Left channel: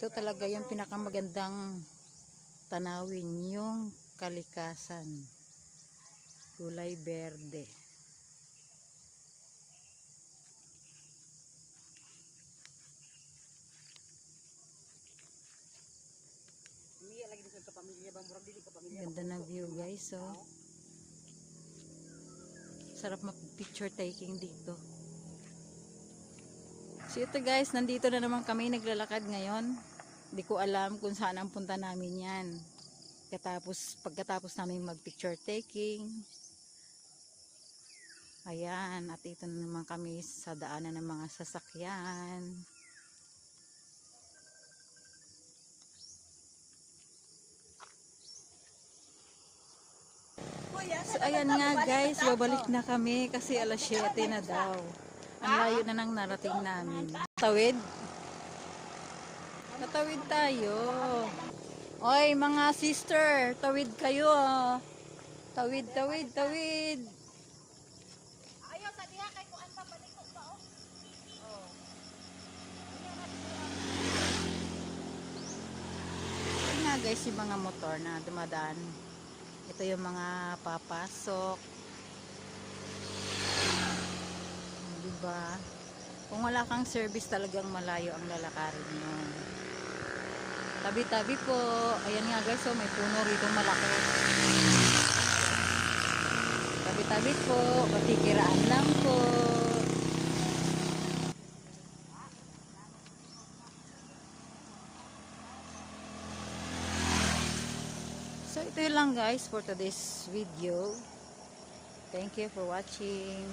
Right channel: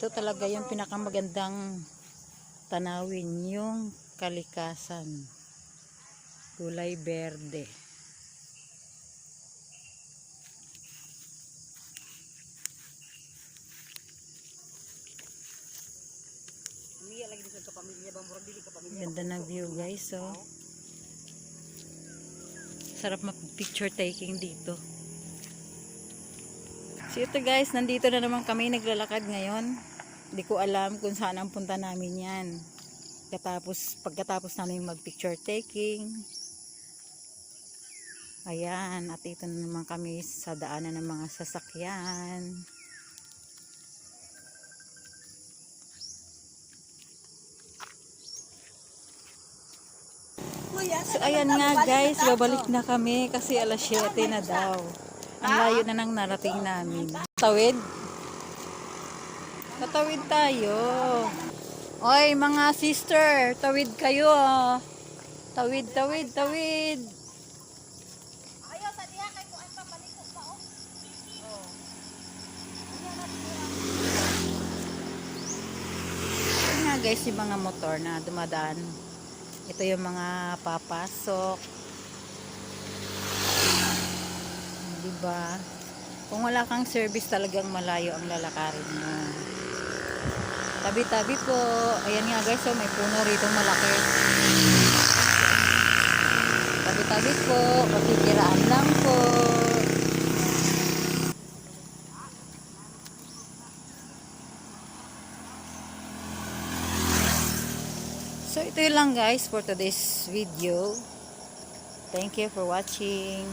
Ito talaga yung pinakamagandang tanawin, yung kalikasan. Kulay berde. Ganda ng view guys, so sarap mag-picture taking dito. So ito guys, nandito na naman kami naglalakad ngayon. Hindi ko alam kung saan ang punta namin yan. Pagkatapos namin mag-picture taking. Ayan, at ito na naman kami sa daanan ng mga sasakyan. So ayan nga guys, babalik na kami kasi alas 7 na daw. Ang layo na nang narating namin. Tawid? Tatawid tayo. Oy mga sister, tawid kayo ah. Tawid, tawid, tawid. Ayaw tadi kay ko ay papaliko pa oh. Ito nga guys, yung mga motor na dumadaan. Ito yung mga papasok. Diba? Kung wala kang service, talagang malayo ang lalakarin mo. Tabi-tabi po. Ayan nga guys, so may puno rito malaki. Tabi-tabi po. Kapikiraan lang po. So ito lang guys for today's video. Thank you for watching.